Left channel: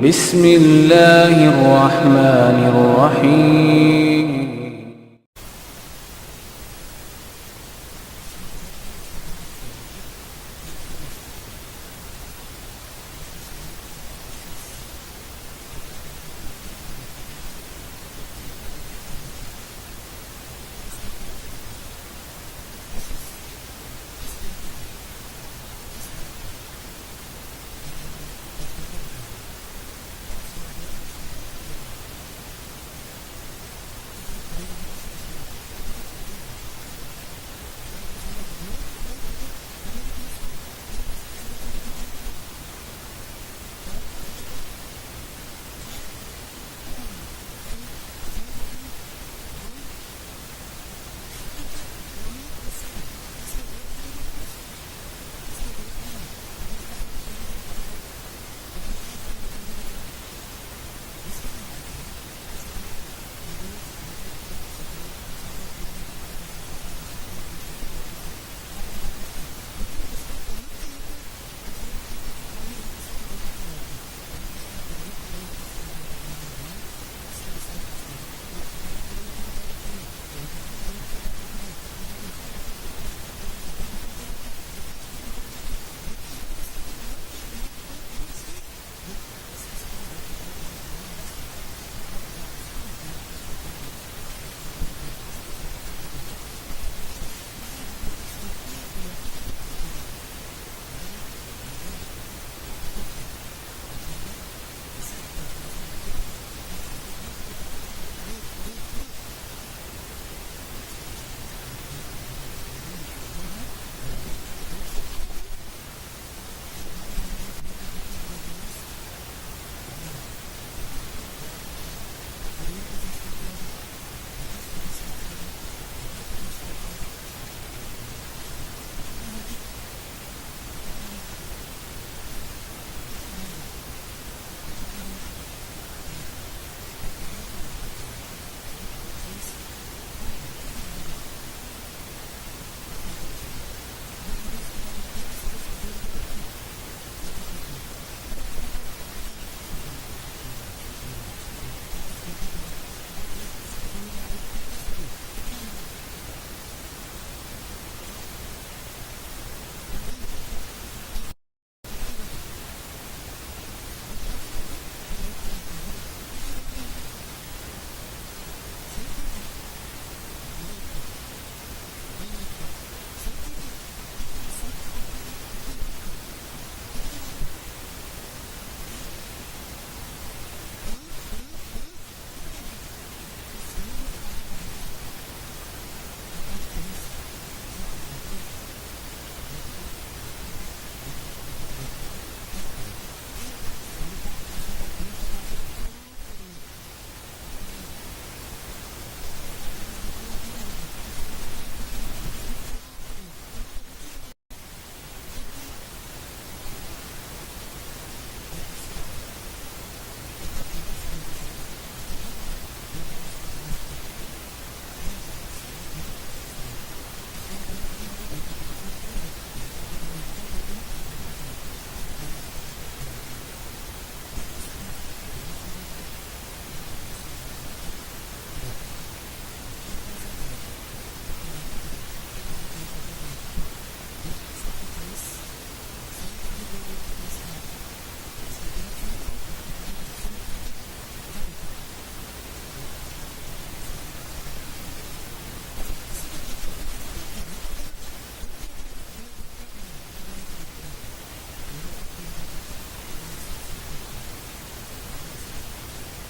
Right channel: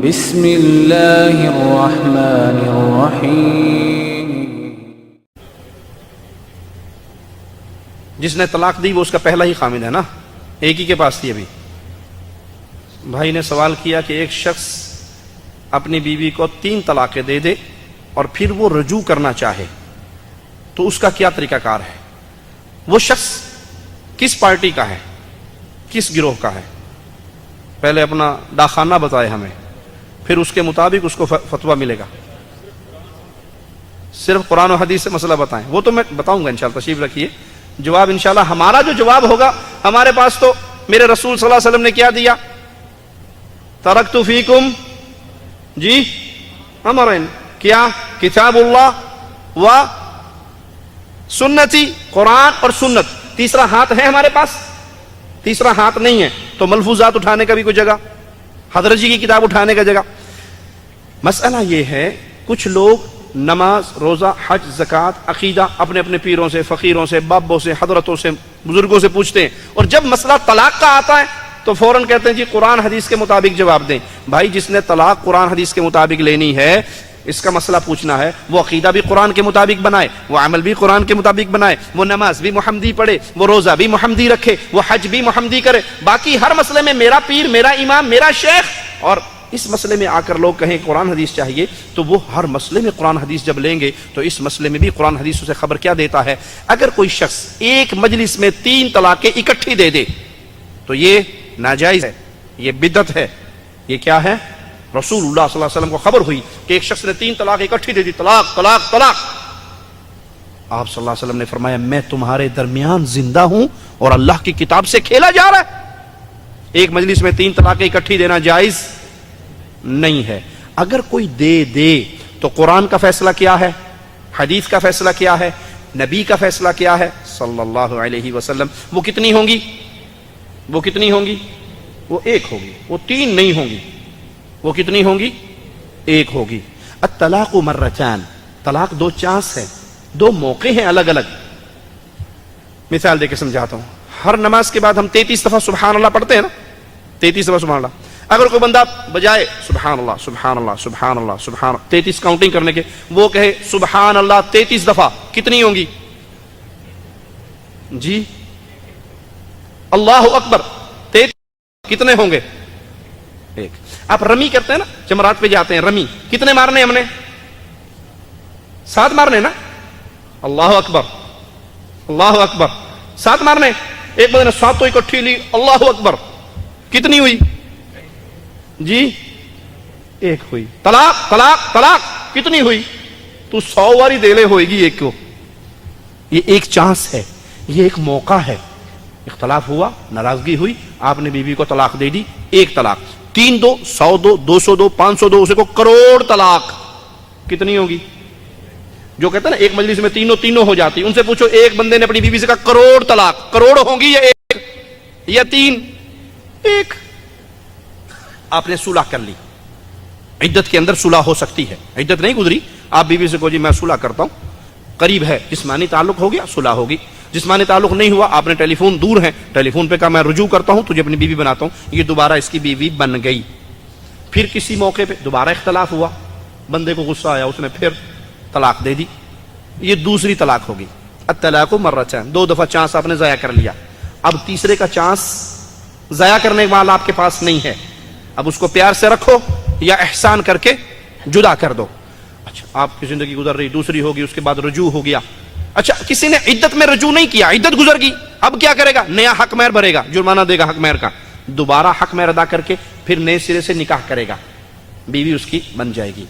بسم اللہ الرحمن الرحیم۔ جس نے طلاق دی وہ اس کا پہلا ہی خامد ہے نا، ایک ہی کے پاس تھی۔ ابھی بھائی نے سوال کیا کہ ایک شخص اپنی بیوی کو 3 طلاقیں دے دے اور پھر وہ رجوع کرنا چاہے تو اس کا کیا طریقہ کار ہے؟ وہ شخص کس پارٹی کا ہے، کس گروہ کا ہے؟ پہلے اپنا داخانہ بتائے ہمیں، پھر اس کے مطابق اس کو فتویٰ ملے گا۔ صرف قرآن و حدیث سے مسئلہ بتائیں، وہ تو میں بتاؤں گا انشاءاللہ، تشریف رکھیے۔ جواب انشاءاللہ ہمارا جو جواب ہوگا، ہمارے پاس تو میرے رسول صلی اللہ علیہ وسلم نے کیا دیا؟ ترکت فیکم جی امرین، کیا؟ کتاب اللہ و سنتی، قرآن اور سنت۔ تیسرا ہاتھ ہے ہمارے پاس؟ تیسرا ہاتھ نہیں ہے، تو ملفوظات اٹھانے کا بھی کوئی جگہ، حضرت جی کی کتاب اٹھانے کا جگہ۔ مسئلہ یہ ہے، کچھ لوگ نماز، روزہ، حج، زکوٰۃ، عقیدہ اپنے اپنے پیروں سے، فقیروں سے، بابوں سے، حضرتوں سے، بزرگوں سے پوچھتے ہیں، اور جب مسئلہ طلاق کا آتا ہے تو فوراً کہتے ہیں جی قرآن حدیث کے مطابق جواب دیں۔ بھائی جس نے طلاق قرآن حدیث کے مطابق لینی ہے، اس کا مسئلہ پوچھنا ہے، وہ عقیدہ بھی قرآن کے مطابق بنائے، وہ عمل بھی قرآن کے مطابق بنائے، وہ نماز بھی محمدی پڑھے، وہ روزہ بھی محمدی رکھے، وہ حج بھی محمدی کرے۔ باقی ہر مسئلے میں میرا پیر، میرا امام، میرا شیخ، اور اس مسئلے میں آ کر لوگ کہیں قرآن حدیث چاہیے، تو وہ ہر مسئلے میں قرآن حدیث جب لیں گے تو اس مسئلے میں بھی قرآن حدیث اسے خبر کیا دیتا ہے؟ اگر کوئی شخص ایک مجلس میں 3 طلاقیں اکٹھی دے دے تو یہ ناجائز ہے، یہ بدعت ہے۔ یہ کیا ہے؟ رسول اللہ صلی اللہ علیہ وسلم کو خبر ہوئی کہ ایک شخص نے 3 طلاق اکٹھی دے دی، طلاق طلاق طلاق۔ آپ صلی اللہ علیہ وسلم نے فرمایا میں تمہارے درمیان زندہ ہوں اور اللہ کی کتاب سے کھیلا جا رہا ہے۔ ایک مجلس میں 3 طلاقیں اکٹھی دینا جائز نہیں ہے۔ اگر کوئی دے تو قرآن کا فیصلہ کیا ہے، حدیث کا فیصلہ کیا ہے، نبی کا فیصلہ کیا ہے صلی اللہ علیہ وسلم؟ وہ کتنی ہوں گی؟ وہ کتنی ہوں گی؟ وہ 1 ہوگی، وہ 3 نہیں ہوں گی۔ وہ کتنی ہوں گی؟ 1 ہوگی۔ الطلاق مرتان، طلاق 2 چانس ہے، 2 موقع ہیں الگ الگ۔ مثال دے کے سمجھاتا ہوں۔ ہر نماز کے بعد ہم 33 دفعہ سبحان اللہ پڑھتے ہیں نا، 33 دفعہ سبحان اللہ۔ اگر کوئی بندہ بجائے سبحان اللہ سبحان اللہ سبحان اللہ سبحان اللہ 33 کاؤنٹنگ کرنے کے، وہ کہے سبحان اللہ 33 دفعہ، کتنی ہوں گی؟ جی اللہ اکبر 33، کتنے ہوں گے؟ 1۔ آپ رمی کرتے ہیں نا، جمرات پہ جاتے ہیں، رمی کتنے مارنے ہم نے؟ 7 مارنے نا۔ اللہ اکبر اللہ اکبر 7 مارنے۔ ایک بندے نے 7 اکٹھی لی، اللہ اکبر، کتنی ہوئی؟ جی 1 ہوئی۔ طلاق طلاق طلاق کتنی ہوئی؟ تو 100 واری دے لے ہوئے گی 1 کو۔ یہ ایک چانس ہے، یہ ایک موقع ہے۔ اختلاف ہوا، ناراضگی ہوئی، آپ نے بیوی کو طلاق دے دی، 1 طلاق۔ 3 دو، 100 دو، 200 دو، 500 دو، اسے کو کروڑ طلاق، کتنی ہوگی؟ جو کہتے ہیں نا ایک مجلس میں تینوں ہو جاتی، ان سے پوچھو ایک بندے نے اپنی بیوی سے کہا کروڑ طلاق، کروڑ ہوں گی یا 1 یا 3؟ 1۔ آپ نے صلح کر لی، عدت کے اندر صلح ہو سکتی ہے، عدت نہیں گزری، آپ بیوی سے کہو جی میں صلح کرتا ہوں، قریب ہے، جسمانی تعلق ہو گیا، صلح ہوگی۔ جسمانی تعلق نہیں ہوا، آپ نے ٹیلی فون دور ہے، ٹیلی فون پہ کہا میں رجوع کرتا ہوں، تجھے اپنی بیوی بناتا ہوں، یہ دوبارہ اس کی بیوی بن گئی۔ پھر کسی موقع پہ دوبارہ اختلاف ہوا، بندے کو غصہ آیا، اس نے پھر طلاق دے دی، یہ دوسری طلاق ہوگی۔ الطلاق مرتان، 2 دفعہ چانس آپ نے ضائع کر لیا۔ اب تیسرے کا چانس ضائع کرنے والا آپ کے پاس نہیں ہے، اب اس کو پیار سے رکھو یا احسان کر کے جدا کر دو۔ اچھا آپ کی زندگی گزر رہی، دوسری ہوگی، اس کے بعد رجوع ہو گیا۔ اچھا کسی نے عدت میں رجوع نہیں کیا، عدت گزر گئی، اب کیا کرے گا؟ نیا حق مہر بھرے گا، جرمانہ دے گا حق مہر کا، دوبارہ حق مہر ادا کر کے پھر نئے سرے سے نکاح کرے گا، بیوی اس کی بن جائے گی۔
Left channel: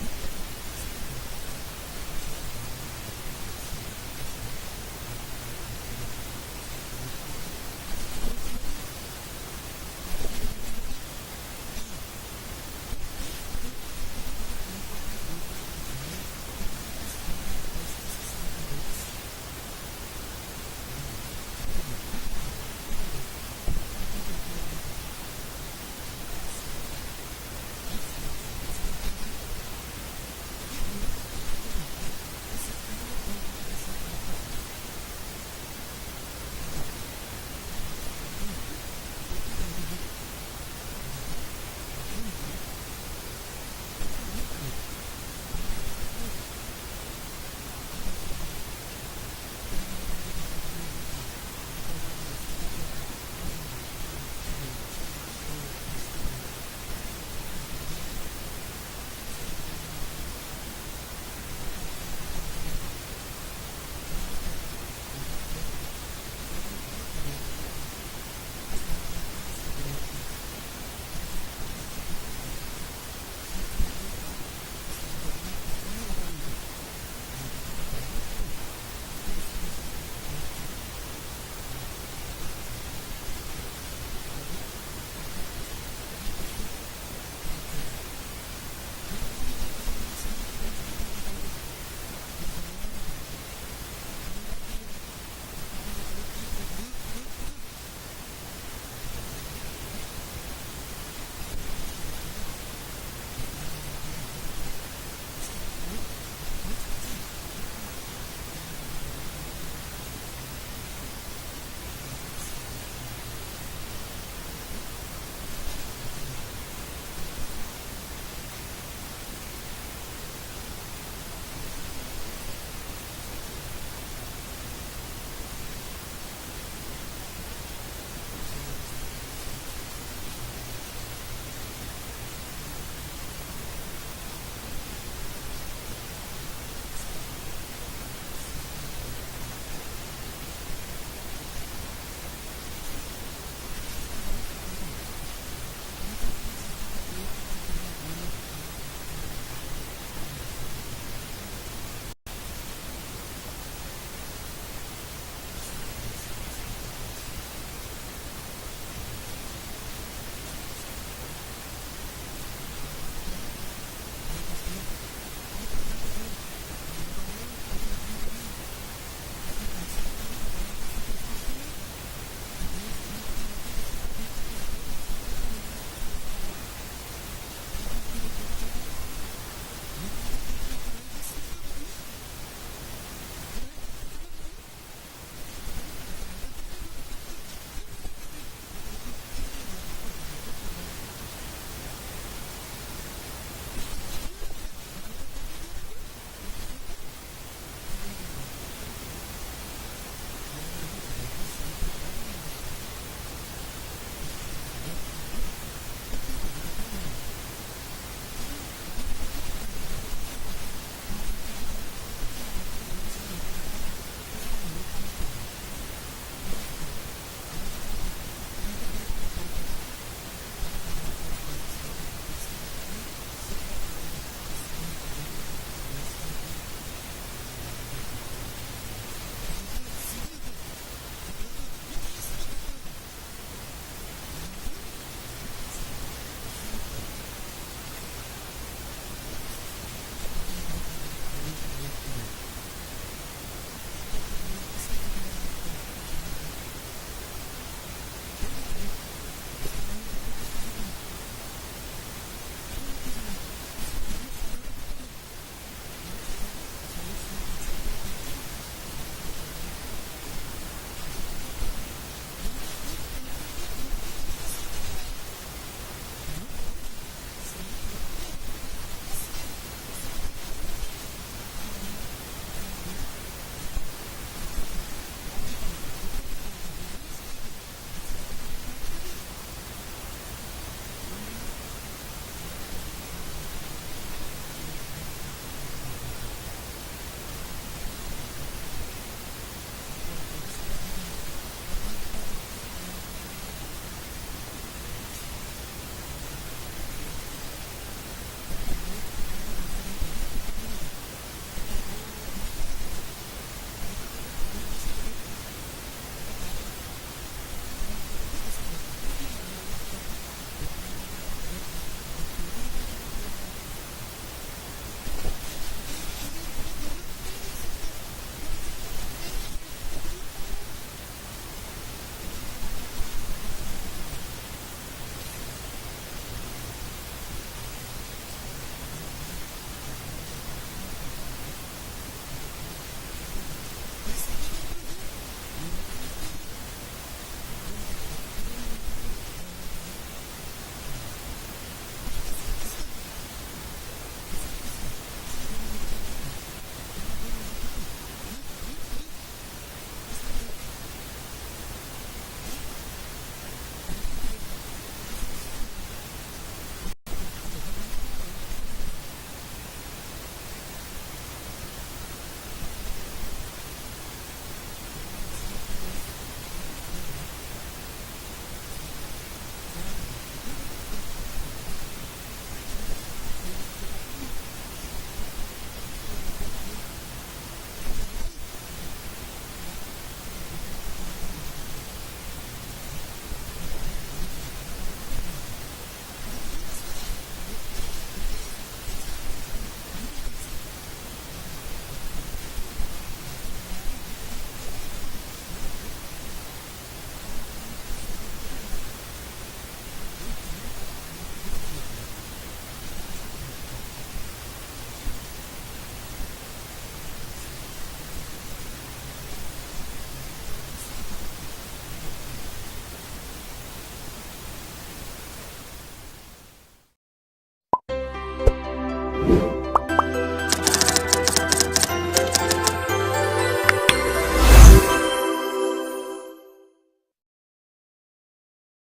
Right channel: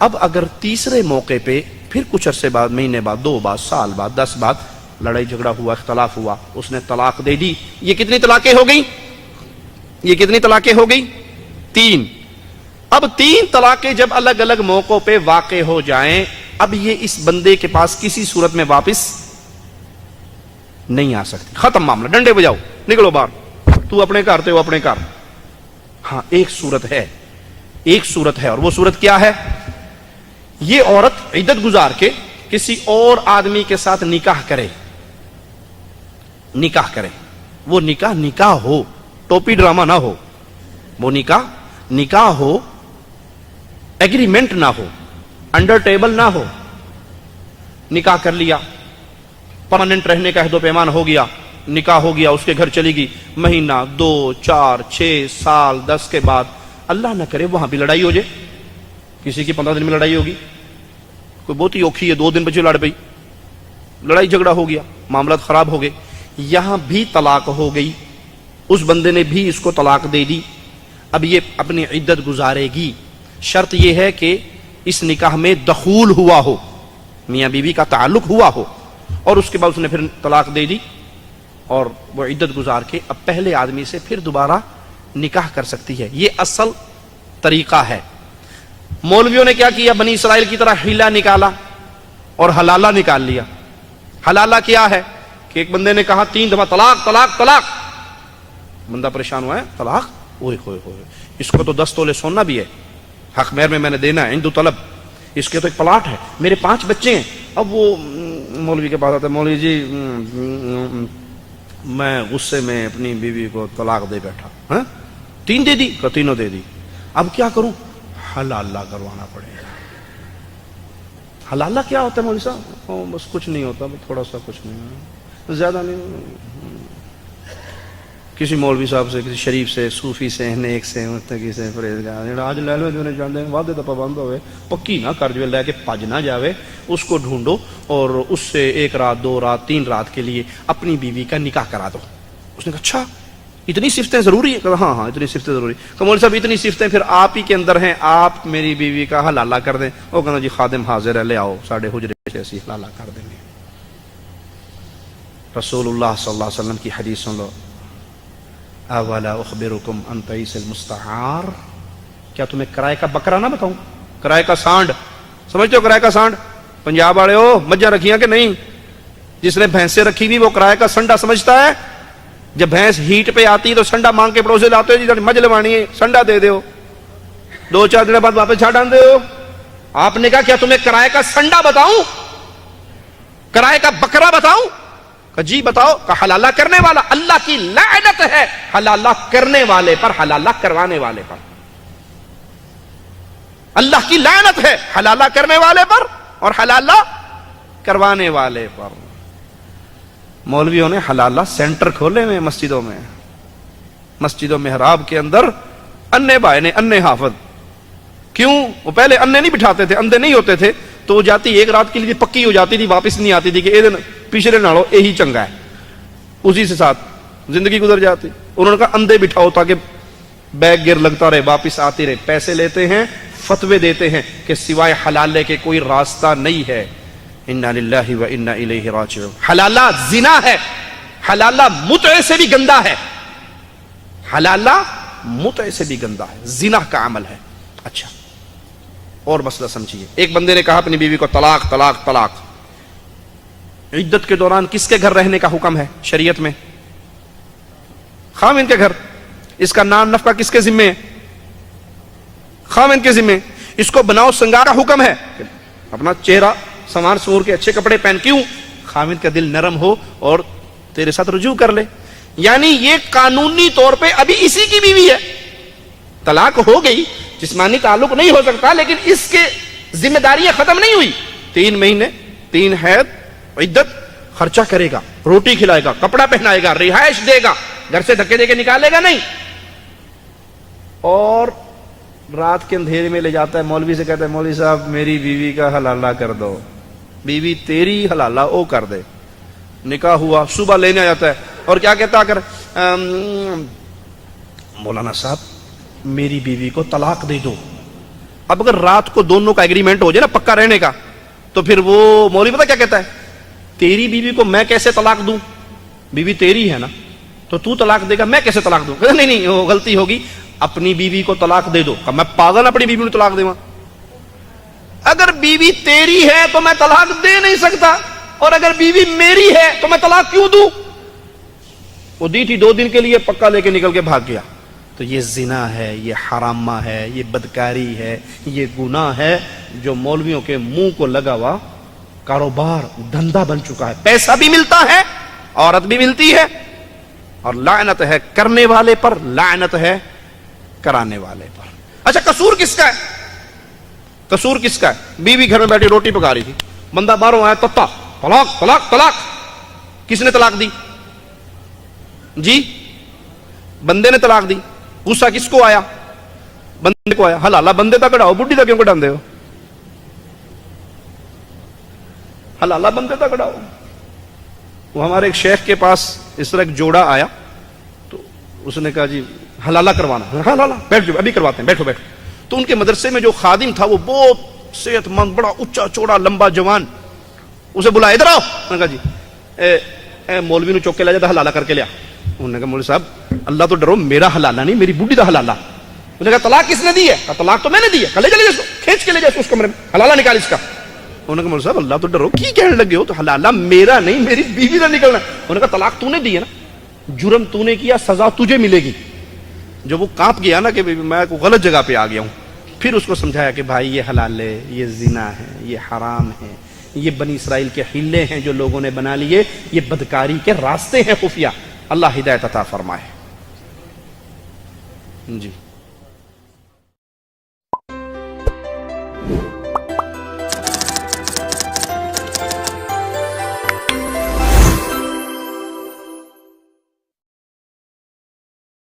اب اگر تیسرے موقع پہ پھر کچھ عرصے بعد، مہینے بعد، 2 بعد، سال بعد، 10 بعد لڑائی جھگڑا ہوا، اختلاف ہوا، اس نے طلاق دے دی، یہ کتنی طلاقیں ہو گئی؟ یہ کتنی طلاقیں ہو گئی؟ 3۔ اب 3 طلاقیں جب الگ الگ موقعوں پہ واقع ہو جائیں، اب یہ اس بندے کے پاس کسی صورت میں واپس نہیں آ سکتی، ختم معاملہ، ڈنڈے بجاؤ، نکلو باہر، تو اپنے گھر تے ہو اپنے گھر۔ ہاں ایک صورت ہے، ایک صورت ہے، اور وہ صورت کیا ہے؟ یہ عورت عدت گزار کے کسی اور آدمی کے ساتھ نکاح کرے، نکاح کرے، وہ نکاح ہو، ٹوپی ڈرامہ نہ ہو، وہ نکاح ہو، एग्रीमेंट ना हो, अंडर टेबल ना हो, निकाह कर लिया, परमानेंट रहने का अहद पैमान हो गया, निकाह हो गया, उसके घर चली गई, महीना 2 4 6 साल 10 के बाद अल्लाह ना करे वहां भी लड़ाई हो जाए। किसी की 15 दिन में लड़ाई होगी, कोई बहुत ही औखी है, 2 दिन बच्चे लड़ पई, लड़ाई झगड़ा हो गया, मामला खराब हो गए, यहां भी तलाक हो गई, उस बंदे ने भी इसको तलाक दे दी। अब ये अपनी इद्दत गुजारेगी। शर्त यह है कि इस निकाह में दखूल हुआ हो, मियाँ बीवी का ताल्लुक हुआ हो, और उसके बाद उसने फिर तलाक दे दी और वो इद्दत गुजार के अब पहले आदमी से फिर दोबारा निकाह कर सकती है। ये असल तरीका है। मौलवियों ने क्या किया, बनी इसराइल की तरह हिला निकाला और हलाला निकाल लिया। हलाला क्या है कि एक बंदे ने कहा 3 दफा तलाक तलाक तलाक, बंदा परेशान हुआ है, तलाक, ओए होए होए, इसको तो 10 तोले सोना भी है, हक मेहर में मैंने देना है, हिंदू तलब, इसके तो एक प्लाट है, मेरे 5 बच्चे हैं। अब वो मौलवी के पास आता है, मौलवी जी मैं गुस्से में अपनी बीवी को तलाक दे बैठा, हाँ 3 दे दी, तीनों दे दी, अब क्या करूं, हलाला करवाना पड़ेगा। हलाला क्या होता है मौलवी साहब? बस कुछ नहीं होता, थोड़ा सा, कुछ नहीं, ज्यादा नहीं। किसी मौलवी साहब से, किसी शरीफ से, सूफी से, नेक से, मुत्तकी से, परहेज़गार, आज ले लो जो चाहते हैं, वादे तो पाबंद होवे, पक्की ना कर जो लेके भज ना जावे, उसको ढूंढो और उससे 1 रात 2 रात 3 रात के लिए अपनी बीवी का निकाह करा दो। उसने कहा अच्छा इतनी सिफ्तें जरूरी है? कहा हाँ हाँ इतनी सिफ्तें जरूरी। तो मौलवी साहब इतनी सिफ्तें फिर आप ही के अंदर हैं, आप मेरी बीवी का हलाला कर दें। वो कहना जी खादिम हाजिर है, ले आओ, साढ़े हुजरे से ऐसी हलाला कर देंगे। रसूलुल्लाह सल्लल्लाहु अलैहि वसल्लम की हदीस सुन लो, अवला उखबिरुकुम अन तईसिल मुस्तआर, क्या तुम्हें किराए का बकरा ना बताऊं? किराए का सांड, समझते हो किराए का सांड? पंजाब वाले हो, मज्जा रखियां कि नहीं? जिसने भैंसे रखी हुई वो किराए का संडा समझता है। जब भैंस हीट पे आती है तो संडा मांग के पड़ोसे लाते हो, जी मज लवानी है, संडा दे दो, 2-4 दिन बाद वापस छाड़ आते हो। आपने कहा क्या तुम्हें किराए का संडा बताऊं, किराए का बकरा बताऊं? जी बताओ। का हलाला करने वाला, अल्लाह की लानत है हलाला करने वाले पर, हलाला करवाने वाले पर। अल्लाह की लानत है हलाला करने वाले पर और हलाला करवाने वाले पर। मौलवियों ने हलाला सेंटर खोले हुए मस्जिदों में, मस्जिदों मेहराब के अंदर अन्ने भाई ने, अन्ने हाफिज। क्यों? वो पहले अन्ने नहीं बिठाते थे, अंधे नहीं होते थे, तो वो जाती 1 रात के लिए पक्की हो जाती थी, वापस नहीं आती थी कि दिन पिछले नालों यही चंगा है, उसी से साथ जिंदगी गुजर जाती। उन्होंने कहा अंधे बिठाओ ताकि बैग गिर लगता रहे, वापिस आती रहे। पैसे लेते हैं, फतवे देते हैं कि सिवाय हलाले के कोई रास्ता नहीं है। इन्ना लिल्लाहि व इन्ना इलैहि राजिऊन। हलाला जिना है, हलाला मुतअ से भी गंदा है, हलाला मुतअ से भी गंदा है, जिना का अमल है। अच्छा और मसला समझिए, एक बंदे ने कहा अपनी बीवी को तलाक तलाक तलाक। इद्दत के दौरान किसके घर रहने का हुक्म है शरीयत में? खाविन के घर। इसका नाम नफका किसके जिम्मे है? खाविन के जिम्मे। इसको बनाओ संगार का हुक्म है, अपना चेहरा संवार सूर के अच्छे कपड़े पहन। क्यों? खाविन का दिल नरम हो और तेरे साथ रुजू कर ले। यानी ये कानूनी तौर पे अभी इसी की बीवी है, तलाक हो गई, जिस्मानी ताल्लुक नहीं हो सकता, लेकिन इसके जिम्मेदारियां खत्म नहीं हुई। 3 महीने 3 हैद इद्दत, खर्चा करेगा, रोटी खिलाएगा, कपड़ा पहनाएगा, रिहाइश देगा, घर से धक्के देके निकालेगा नहीं। और रात के अंधेरे में ले जाता है, मौलवी से कहता है मौलवी साहब मेरी बीवी का हलाला कर दो। बीवी तेरी हलाला वो कर दे। निकाह हुआ, सुबह लेने आ जाता है और क्या कहता अगर मौलाना साहब मेरी बीवी को तलाक दे दो। अब अगर रात को दोनों का एग्रीमेंट हो जाए ना पक्का रहने का, तो फिर वो मौलवी पता क्या कहता है, तेरी बीवी को मैं कैसे तलाक दूं, बीवी तेरी है ना, तो तू तलाक देगा, मैं कैसे तलाक दूं? नहीं नहीं वो गलती होगी, अपनी बीवी को तलाक दे दो। मैं पागल अपनी बीवी को तलाक देवा? अगर बीवी तेरी है तो मैं तलाक दे नहीं सकता, और अगर बीवी मेरी है तो मैं तलाक क्यों दूं? वो दी थी 2 दिन के लिए, पक्का लेके निकल के भाग गया। तो ये जिना है, ये हरामा है, ये बदकारी है, ये गुनाह है जो मौलवियों के मुंह को लगा हुआ कारोबार, धंधा बन चुका है। पैसा भी मिलता है, औरत भी मिलती है, और लानत है करने वाले पर, लानत है कराने वाले पर। अच्छा कसूर किसका है? कसूर किसका है? बीवी घर में बैठी रोटी पका रही थी, बंदा बाहरों आया, तत्ता तलाक तलाक तलाक। किसने तलाक दी जी? बंदे ने तलाक दी। गुस्सा किसको आया? बंदे को आया। हलाला बंदे तक कढ़ाओ, बुढ़ी तक क्यों कढ़ाते हो? हलाला बंदे तक कढ़ाओ। वो हमारे एक शेख के पास इस तरह एक जोड़ा आया, तो उसने कहा जी हलाला करवाना। हलाला, बैठ जाओ, अभी करवाते हैं, बैठो बैठो। तो उनके मदरसे में जो खादिम था वो बहुत सेहतमंद, बड़ा ऊंचा चौड़ा लंबा जवान, उसे बुलाया, इधर आओ। उन्होंने कहा जी मौलवी ने चौक के ला जाता, हलाला करके लिया। उन्होंने कहा मौलवी साहब अल्लाह तो डरो, मेरा हलाला नहीं, मेरी बुढ़ी का हलाला। उन्होंने कहा तलाक किसने दी है? कहा तलाक तो मैंने दी है। कहा ले चले इसको, खींच के ले जाए उस कमरे में, हलाला निकाल इसका। उन्होंने कहा मौलवी साहब अल्लाह तो डरो, की कहने लगे हो? तो हलाला मेरा नहीं, मेरी बीवी का निकलना। उन्होंने कहा तलाक तूने दी है ना, जुर्म तूने किया, सजा तुझे मिलेगी। जब वो कांप गया ना कि मैं को गलत जगह पे आ गया हूं, फिर उसको समझाया कि भाई ये हलाल है, ये जिना है, ये हराम है, ये बनी इसराइल के हिल्ले हैं जो लोगों ने बना लिए, ये बदकारी के रास्ते हैं खुफिया। अल्लाह हिदायत अता फरमाए जी।